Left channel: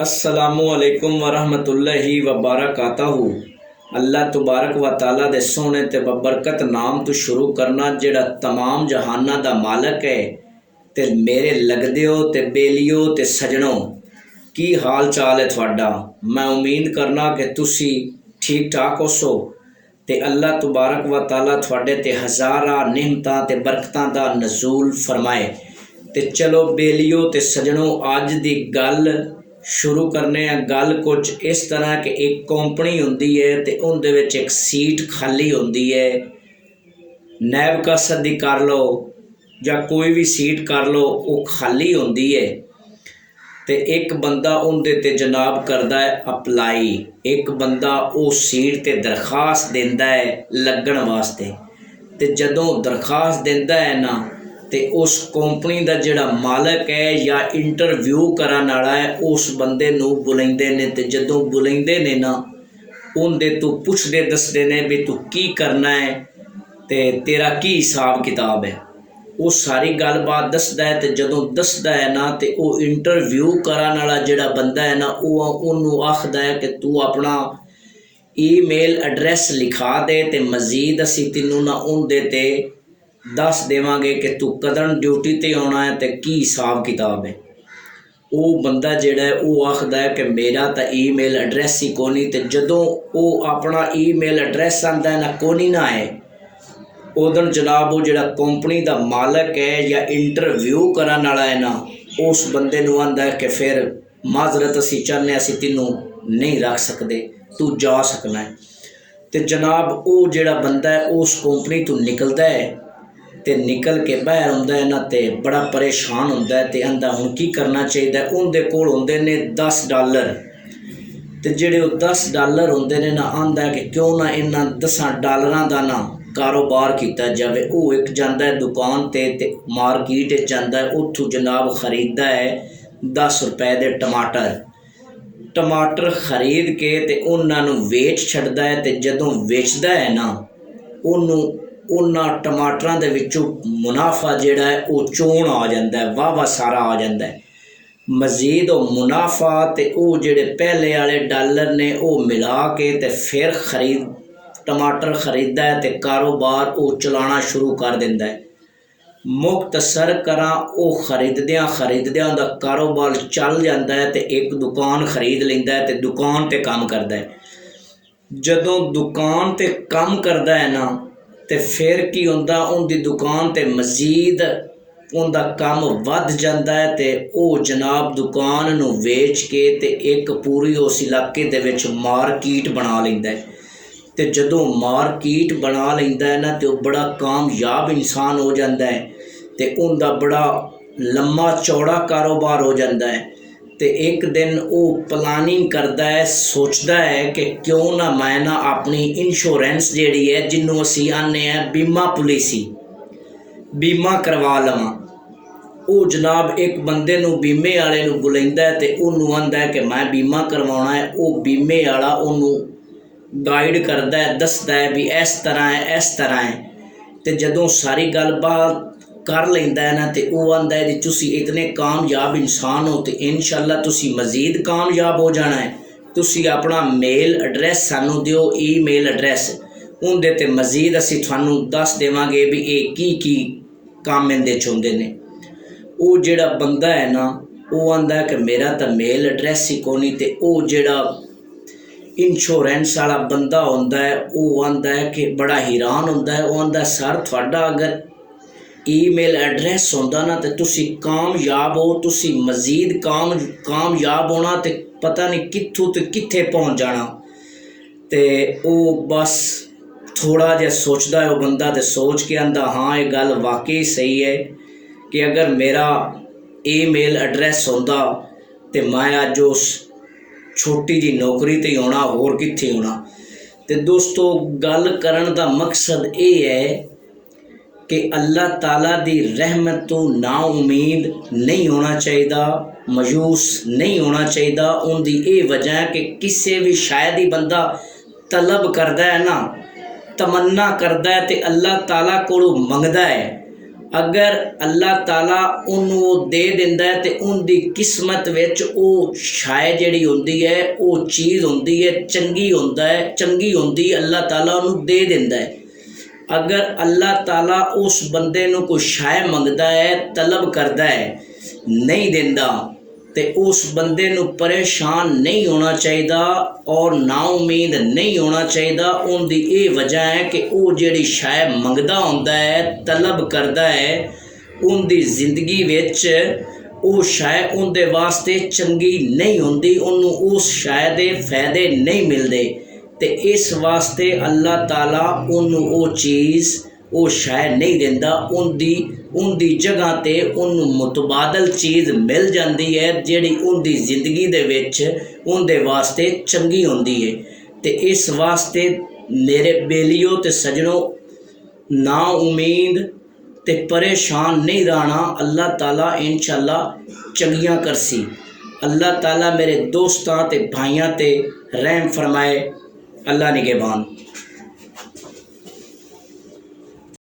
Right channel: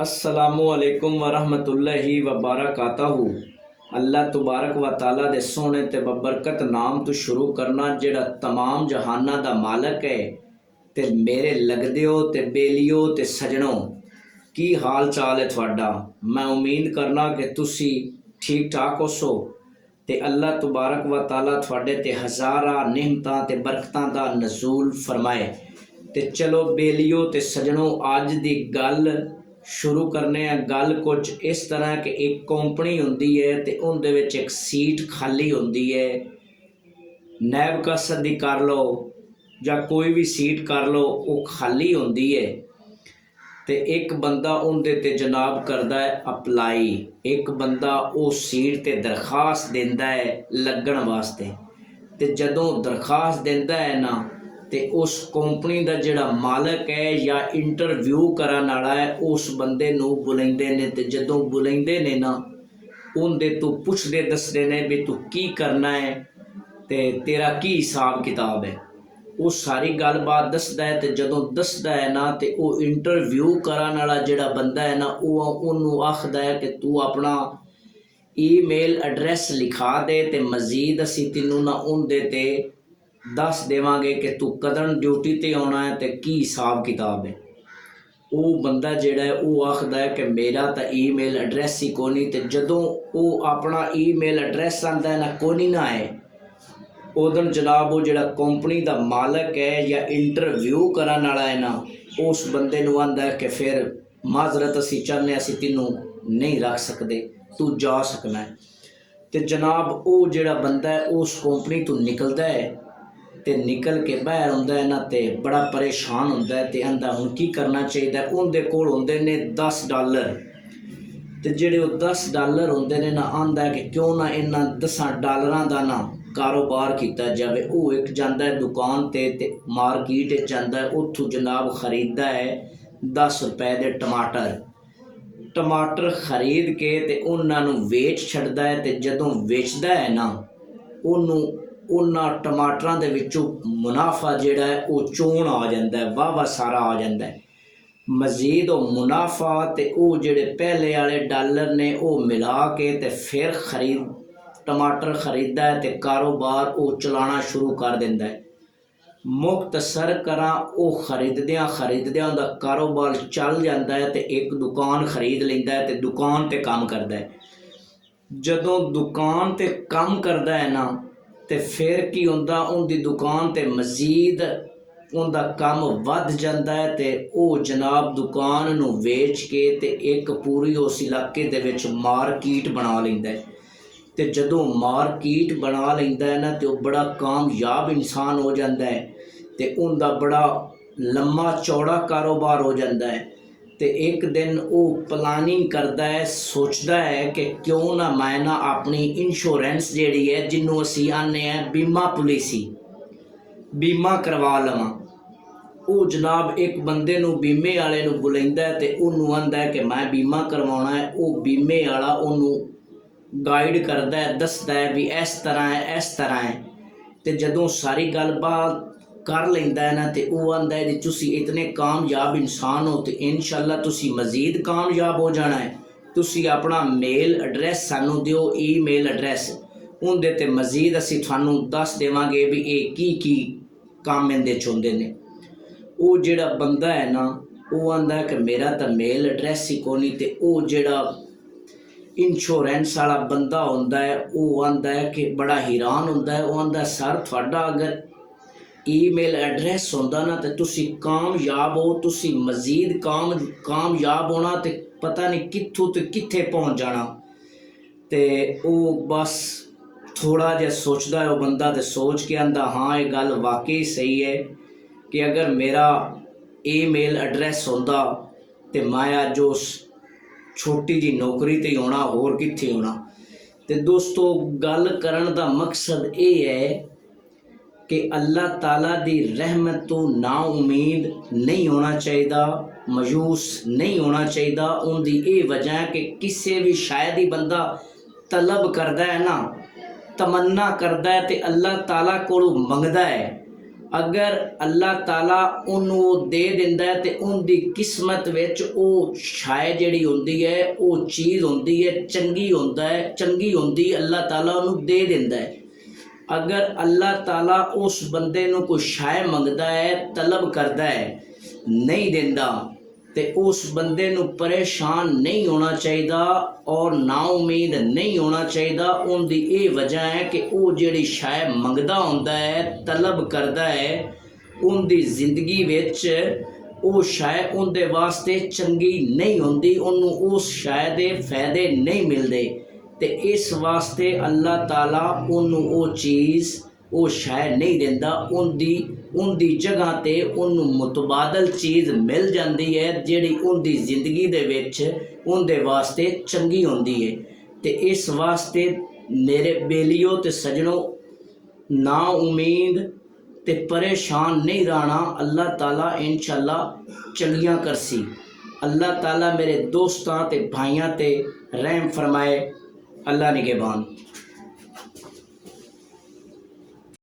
अस्सलामुअलैकुम वरहमतुल्लाहि वबरकातहू। अल्लाह तबारक व ताला दे सोहने ते बबरकत नाम तो शुरू करना जिहड़ा तमाम जहाना दा मालक है। ते मेरे लगदिओ ते बेलिओ ते सजणों, की हाल चाल है तुहाडा। मैं उम्मीद करना कि तुसी ठीक ठाक होसो ते अल्लाह तबारक व ताला तुहाडे ते हज़ारा नेमतां ते बरकतां दा नज़ूल फरमाए। ते चलो बेलिओ ते सजणों, अज दी गल शुरू करने आ। गल कुछ इस तरह कि एक कंपनी होंदी है ते उहदे विच एक सीट खाली होंदी है। नैब कसद दी कर लो या कोई भी सीट कर लो, वो खाली होंदी है। ते एक बंदा उहदे ते जनाब करदा है अपलाई। एक बंदा उस सीट ते दरखास्त देंदा है लगन वास्ते। ते जदों दरखास्त देंदा है ना, ते उस कंपनी का जिहड़ा मालक है या इंटरव्यू करन वाला है, उस बंदे नूं बुलाइंदे ने। ते जदों बुलाइंदे ने ना, उहदे तो पुछदे दसदे ने भी तू की करना है ते तेरा की हिसाब किताब है। वो सारी गलबात दसदा है। ते जदों दसदा है ना, ते वो इंटरव्यू करन वाला जिहड़ा बंदा है ना, उहनूं आखदा है कि तू अपना ईमेल एड्रैस लिखा दे ते मजीद असीं तैनूं ना उहदे ते दस देवांगे कि तू कदन ड्यूटी ते आउणा है ते की हिसाब किताब है। वो बंदा जिहड़ा है वो आखदा है कि मेरा तो ईमेल एड्रैस ही कोनी। ते जदों वो अपना ईमेल एड्रैस आंदा है ना, कोनी ना है, उदन जनाब वो जिहड़ा कंपनी का मालक है या इंटरव्यू करन वाला है ना, उस बंदे नूं आंदा है कि फिर माजरत असीं चाहने असीं तैनूं नहीं रख सकदे, तू जा सकना है। ते जनाब वो जिहड़ा बंदा है उस कंपनी तो निकलदा है ते निकल के बाहर आउंदा है ना, ते बड़ा परेशान हुंदा है ते आंदा हुण की करना चाहिदा। उहदे कोल हुंदे ने $10। ते जिहड़े वो $10 हुंदे ने ना, आंदा है कि क्यों ना इन्हां $10 दा ना कारोबार कीता जावे। वो एक जांदा है दुकान ते मार्केट च जांदा है, उत्थों जनाब खरीददा है ₹10 दे टमाटर खरीद के ते उन्हां नूं वेच छड्डदा है। ते जदों वेचदा है ना, उन्हों उन्हां टमाटरां दे विचों मुनाफा जिहड़ा है वो चोण आ जांदा है, वाह सारा आ जांदा है। मजीद वो मुनाफा ते वो जिहड़े पहले वाले डॉलर ने वो मिला के ते फिर टमाटर खरीददा है ते कारोबार वो चलाना शुरू कर दिंदा है। मुख्तसर करां, वो खरीददियां उहदा कारोबार चल जांदा है ते एक दुकान खरीद लैंदा है ते दुकान ते काम करदा है। जदों दुकान ते काम करदा है ना, ते फिर की हुंदा, उहदी दुकान ते मजीद उहदा काम वध जांदा है। ते वो जनाब दुकान नूं वेच के ते एक पूरी उस इलाके दे विच मार्केट बना लैंदा है। ते जदों मार्केट बना लैंदा है ना, ते वो बड़ा कामयाब इंसान हो जाता है ते उनका बड़ा लम्मा चौड़ा कारोबार हो जाता है। ते एक दिन वो प्लानिंग करता है, सोचता है कि क्यों ना मैं ना अपनी इंश्योरेंस जिहड़ी है, जिन्हों असीं आने हैं बीमा पॉलिसी, बीमा करवा लवां। वो जनाब एक बंदे नूं बीमे वाले नूं बुलाइंदा है ते उहनूं आंदा है कि मैं बीमा करवाउणा है। वो बीमे वाला उहनूं गाइड करता है, दसदा है भी इस तरह है, इस तरह है। तो जदों सारी गलबात कर लेंदा है ना, तो वो आंदा है जी तुसी इतने कामयाब इंसान हो तो इंशाअल्लाह तुसी मजीद कामयाब हो जाना है। तुसी अपना मेल एड्रैस सानू दिओ, ईमेल एड्रैस, उहदे ते मजीद असीं तुहानूं दस देवांगे भी ये की काम इहदे च हुंदे ने। वो जिहड़ा बंदा है ना, वो आंदा है कि मेरा तो मेल एड्रैस ही कोनी। ते वो जिहड़ा इंश्योरेंस वाला बंदा होंदा है, वो आंदा है कि बड़ा हैरान होंदा है। वो आंदा सर तुहाडा अगर ईमेल एड्रैस होंदा ना, तो तुसी कामयाब हो, तुसी मजीद कामयाब होना, तो पता नहीं कित्थों तो कित्थे पहुँच जाना। ते वो बस थोड़ा जिहा सोचदा है वो बंदा, तो सोच के आंदा हाँ ये गल वाकई सही है कि अगर मेरा ईमेल एड्रैस होंदा तो मैं अज उस छोटी जी नौकरी ते होना, होर कित्थे होना। तो दोस्तों गल करन दा मकसद ये है कि अल्लाह ताला दी रहमत तो ना उम्मीद नहीं होना चाहिए, मायूस नहीं होना चाहिए। उनकी ये वजह है कि किसी भी शायद ही बंदा तलब करता है ना, तमन्ना करता है तो अल्लाह ताला कोलों मंगदा है, अगर अल्लाह ताला उन्होंने वो दे दिंदा है तो उनकी किस्मत विच वो शाय जिहड़ी हुंदी है वो चीज़ हुंदी है चंगी हुंदी अल्लाह ताला उन्होंने दे दिंदा है। अगर अल्लाह ताला उस बंदे नूं कोई शाय मंगदा है तलब करदा है नहीं दिंदा तो उस बंदे नूं परेशान नहीं होना चाहिए और नाउमीद नहीं होना चाहिए। उनकी ये वजह है कि वो जिहड़ी शाय मंगदा हुंदा है तलब करदा है उनकी जिंदगी विच वो शाय उनके वास्ते चंगी नहीं हुंदी, उन्होंने उस शाय दे फायदे नहीं मिलते। तो इस वास्ते अल्लाह ताला उन्होंने वो चीज़ वो शाय नहीं दिंदा, उनकी जगह ते उन्होंने मुतबादल चीज़ मिल जाती है जिहड़ी उनकी जिंदगी दे विच उनके वास्ते चंगी हुंदी है। तो इस वास्ते मेरे बेलियो ते सजनों ना उम्मीद ते परेशान नहीं रहना, अल्लाह ताला इंशाअल्लाह चंगियां करसी। अल्लाह ताला मेरे दोस्तां ते भाइयां ते रहम फरमाए। अल्लाह निगहबान।